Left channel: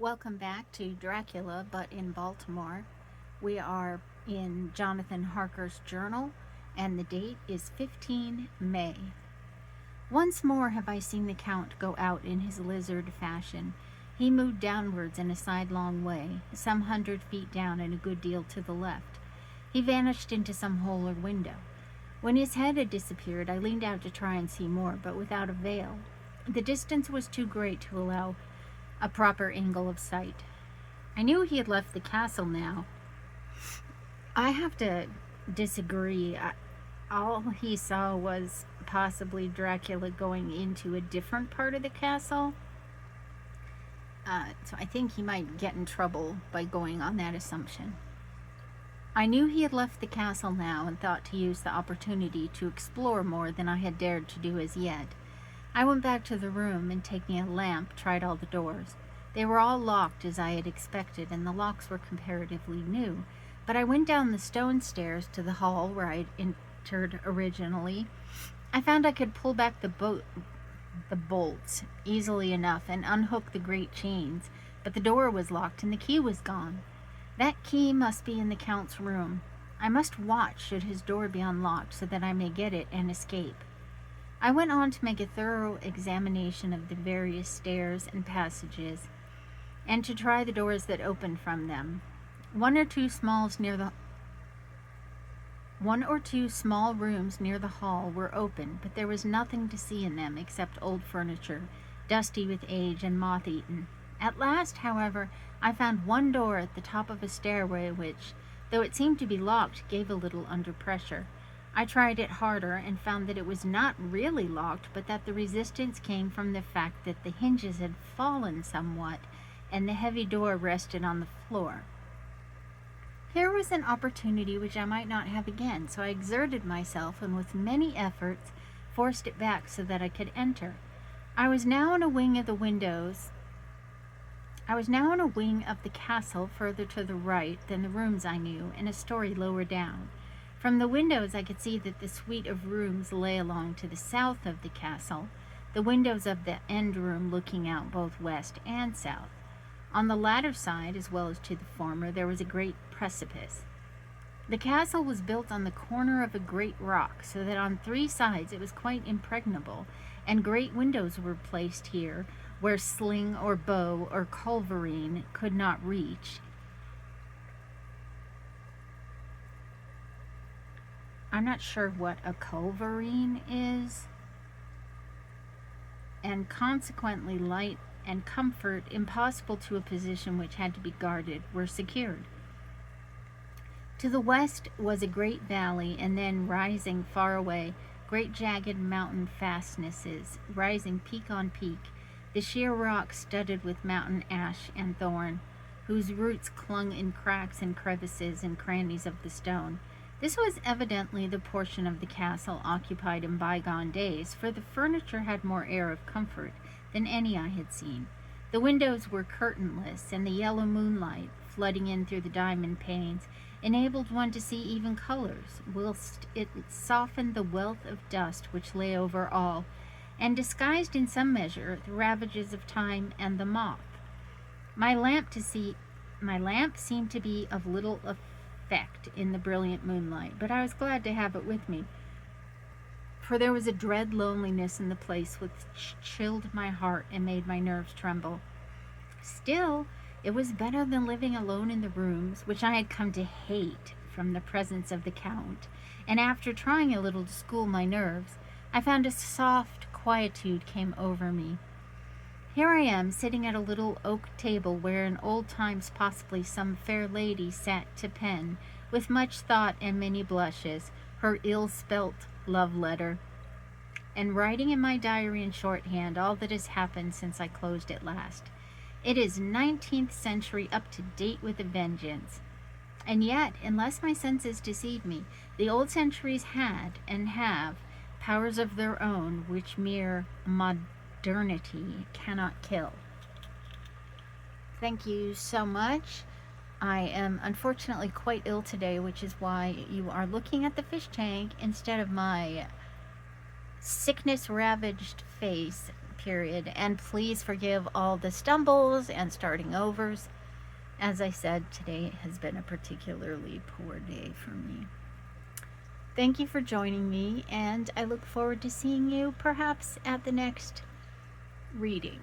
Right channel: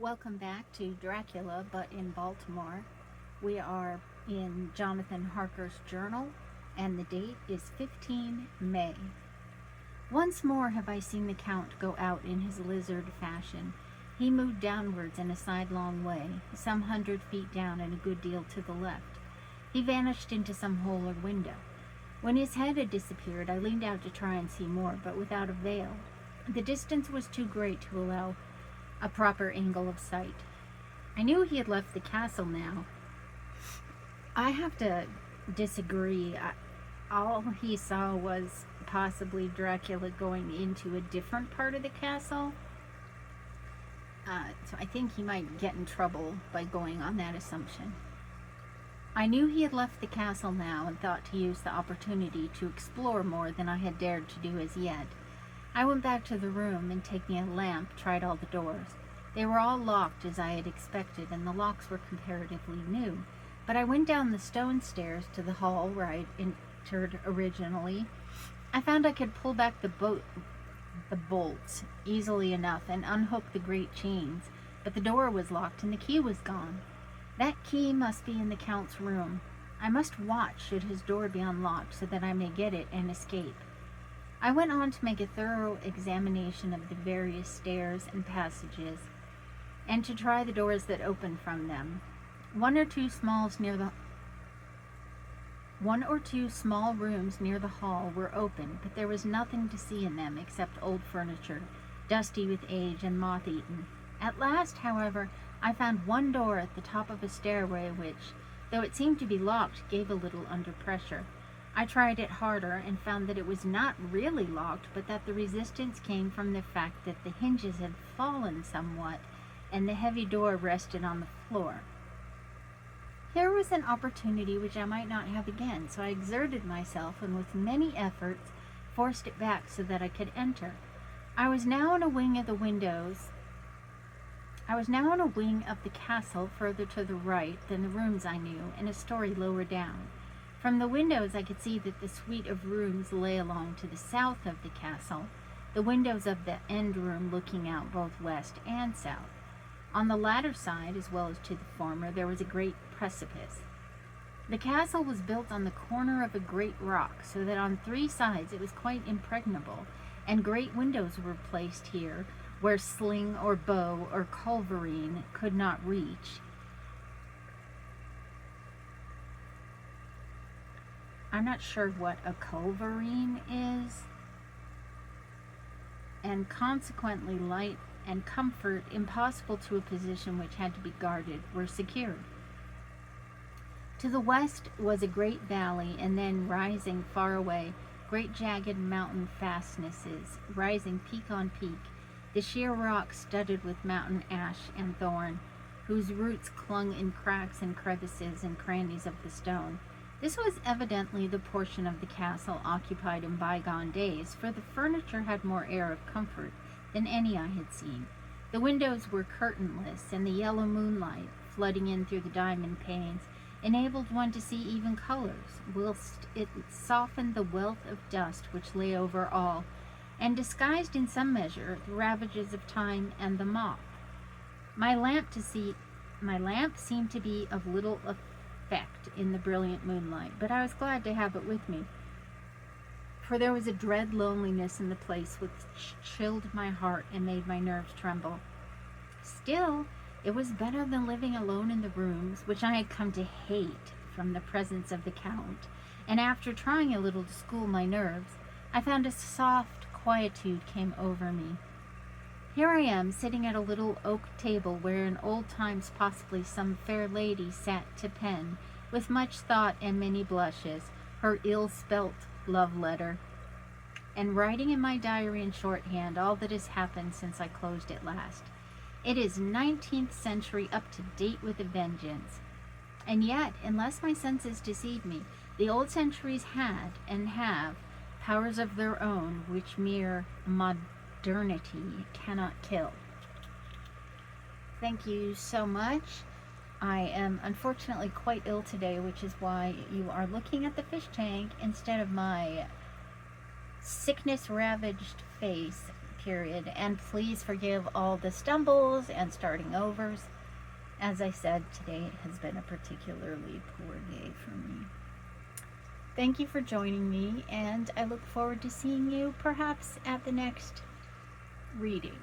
Welcome back to Dracula, but in Baltimore. We are in Jonathan Harker's journal, and the date is 15 May. Once more have I seen the Count go out in his lizard fashion. He moved downwards in a sidelong way, some 100 feet down and a good deal to the left. He vanished into some hole or window. When his head had disappeared, I leaned out to try and see more, but without avail. The distance was too great to allow a proper angle of sight. I knew he had left the castle now. I have to disagree. All he saw was possibly Dracula going into a different part of the castle. So I think he might get in trouble by going on that assumption. I knew he had left the castle now and thought to use the opportunity to explore more than I had dared to do as yet. I went back to the room and, taking a lamp, tried all the doors. They were all locked as I had expected, and the locks were comparatively new. But I went down the stone stairs to the hall where I had entered originally. I found I could pull back the bolts easily enough and unhook the great chains, but the door was locked and the key was gone. That key must be in the Count's room. I must watch should his door be unlocked so that I may get it and escape. I went on to make a thorough examination of the various stairs and passages, and to try the doors that opened from them. One or two small rooms near the hall were open, but there was nothing to see in them except old furniture, dusty with age and moth-eaten. At last, however, I found one door at the top of a stairway which, though it seemed to be locked, gave a little under pressure. I tried it harder and found that it was not really locked, but that the resistance came from the fact that the hinges had fallen somewhat and the heavy door rested on the floor. Here was an opportunity which I might not have again, so I exerted myself and with many efforts forced it back so that I could enter. I was now in a wing of the castle further to the right than the rooms I knew, and a story lower down. From the windows I could see that the suite of rooms lay along to the south of the castle, the windows of the end room looking out both west and south. On the latter side, as well as to the former, there was a great precipice. The castle was built on the corner of a great rock, so that on 3 sides it was quite impregnable, and great windows were placed here where sling or bow or culverin could not reach. I'm not sure what a culverin is, and consequently light and comfort, impossible to a position which had to be guarded, were secured. To the west was a great valley, and then rising far away, great jagged mountain fastnesses, rising peak on peak, the sheer rock studded with mountain ash and thorn, whose roots clung in cracks and crevices and crannies of the stone. This was evidently the portion of the castle occupied in bygone days, for the furniture had more air of comfort than any I had seen. The windows were curtainless, and the yellow moonlight, flooding in through the diamond panes, enabled one to see even colors, whilst it softened the wealth of dust which lay over all, and disguised in some measure the ravages of time and the moth. My lamp seemed to be of little effect in the brilliant moonlight, but I was glad to have it with me, for there was a dread loneliness in the place which chilled my heart and made my nerves tremble. Still, it was better than living alone in the rooms, which I had come to hate from the presence of the Count, and after trying a little to school my nerves, I found a soft quietude came over me. Here I am, sitting at a little oak table where in old times possibly some fair lady sat to pen, with much thought and many blushes, her ill-spelt love letter, and writing in my diary in shorthand all that has happened since I closed it last. It is 19th century, up to date with a vengeance. And yet, unless my senses deceive me, the old centuries had, and have, powers of their own which mere modernity cannot kill. Thank you so much. I am unfortunately quite ill today, which is why you are looking at the fish tank instead of my sickness ravaged face period. And please forgive all the stumbles and starting overs. As I said, today has been a particularly poor day for me. Thank you for joining me, and I look forward to seeing you perhaps at the next reading.